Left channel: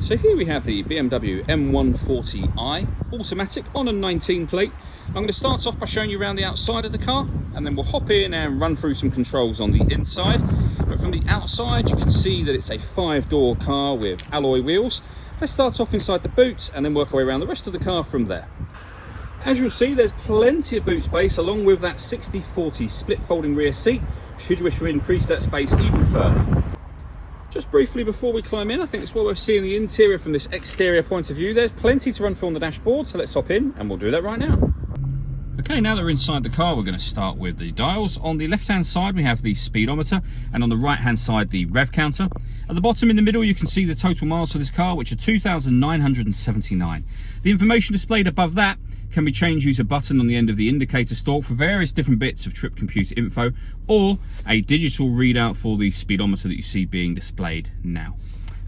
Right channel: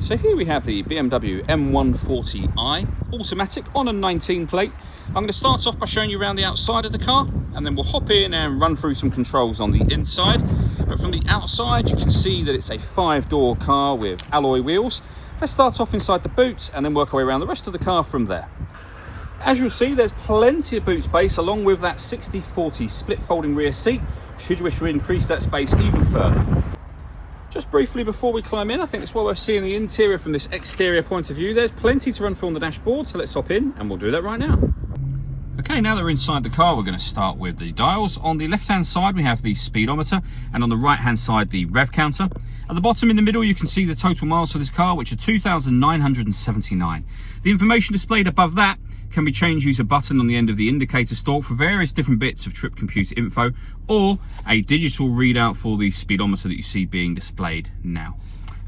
So here we have the BMW M140i automatic on a 19 plate. I'm going to start off by showing you around the outside of the car, and then we'll hop in and run through some controls on the inside. But from the outside you can see that it's a 5-door car with alloy wheels. Let's start off inside the boot and then work our way around the rest of the car from there. As you'll see, there's plenty of boot space along with that 60/40 split folding rear seat, should you wish to increase that space even further. Just briefly before we climb in, I think it's well worth seeing the interior from this exterior point of view. There's plenty to run through on the dashboard, so let's hop in and we'll do that right now. Okay, now that we're inside the car, we're going to start with the dials. On the left-hand side, we have the speedometer, and on the right-hand side, the rev counter. At the bottom in the middle, you can see the total miles for this car, which are 2,979. The information displayed above that can be changed using a button on the end of the indicator stalk for various different bits of trip computer info, or a digital readout for the speedometer that you see being displayed now.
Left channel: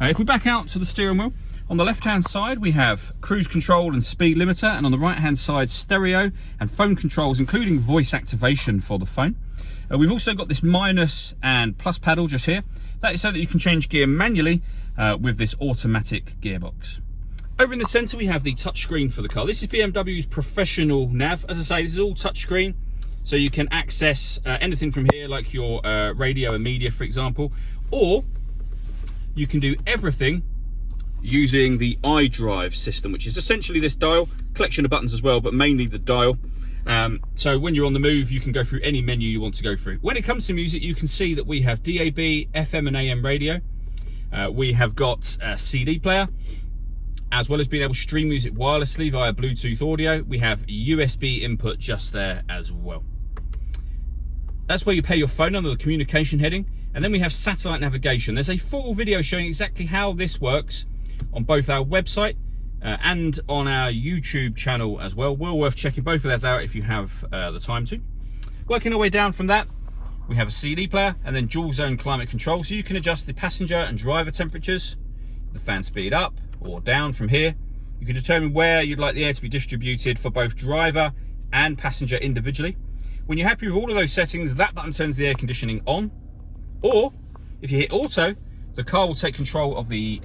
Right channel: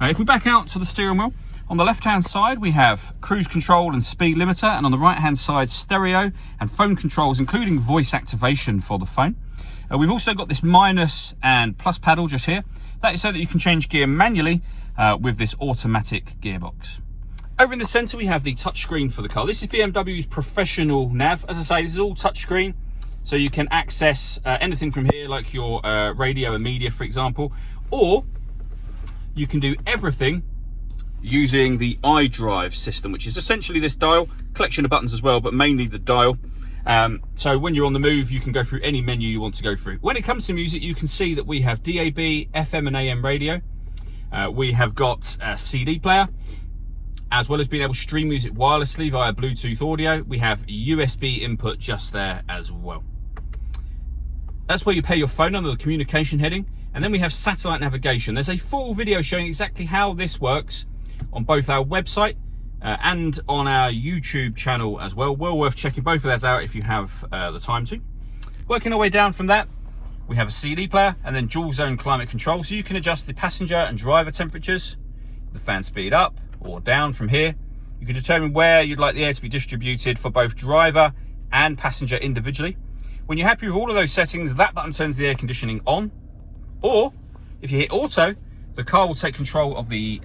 If we back out to the steering wheel, on the left-hand side we have cruise control and speed limiter, and on the right-hand side stereo and phone controls, including voice activation for the phone. We've also got this minus and plus paddle just here. That is so that you can change gear manually with this automatic gearbox. Over in the centre we have the touchscreen for the car. This is BMW's professional nav. As I say, this is all touchscreen, so you can access anything from here, like your radio and media, for example, or you can do everything using the iDrive system, which is essentially this dial, collection of buttons as well, but mainly the dial. So when you're on the move, you can go through any menu you want to go through. When it comes to music, you can see that we have DAB, FM and AM radio. We have got a CD player, as well as being able to stream music wirelessly via Bluetooth audio. We have USB input just there as well. That's where you pair your phone under the communication heading. And then we have satellite navigation. There's a full video showing exactly how this works on both our website and on our YouTube channel as well. Well worth checking both of those out if you have the time to. Working our way down from that, we have a CD player and then dual zone climate control, so you can adjust the passenger and driver temperatures, the fan speed up or down from here. You can determine where you'd like the air to be distributed for both driver and passenger individually. When you're happy with all of those settings, that button turns the air conditioning on, or if you hit auto, the car will take control of the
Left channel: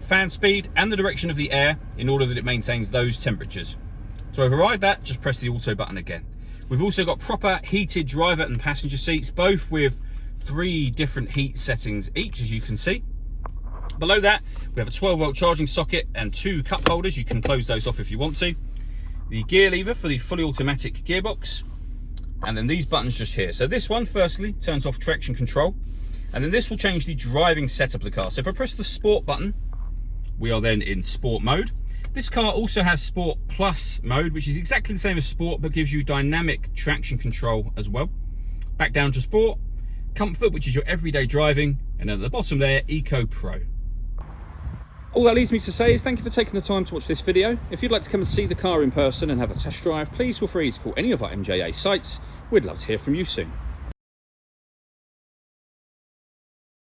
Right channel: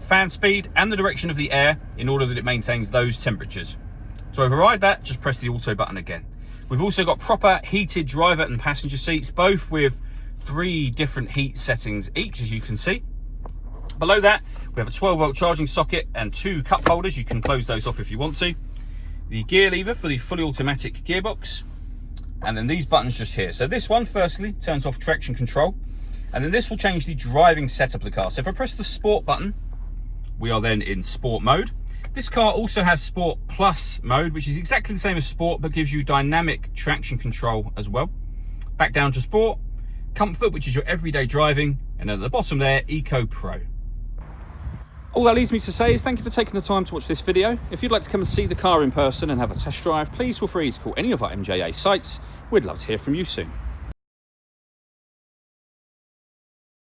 fan speed and the direction of the air in order that it maintains those temperatures. To override that, just press the auto button again. We've also got proper heated driver and passenger seats, both with 3 different heat settings each, as you can see. Below that, we have a 12-volt charging socket and 2 cup holders. You can close those off if you want to. The gear lever for the fully automatic gearbox. And then these buttons just here. So this one, firstly, turns off traction control. And then this will change the driving setup of the car. So if I press the Sport button, we are then in Sport mode. This car also has Sport Plus mode, which is exactly the same as Sport, but gives you dynamic traction control as well. Back down to Sport, Comfort, which is your everyday driving, and at the bottom there, Eco Pro. All that leaves me to say is thank you for taking the time to watch this video. If you'd like to come and see the car in person and have a test drive, please feel free to call any of our MJA sites. We'd love to hear from you soon.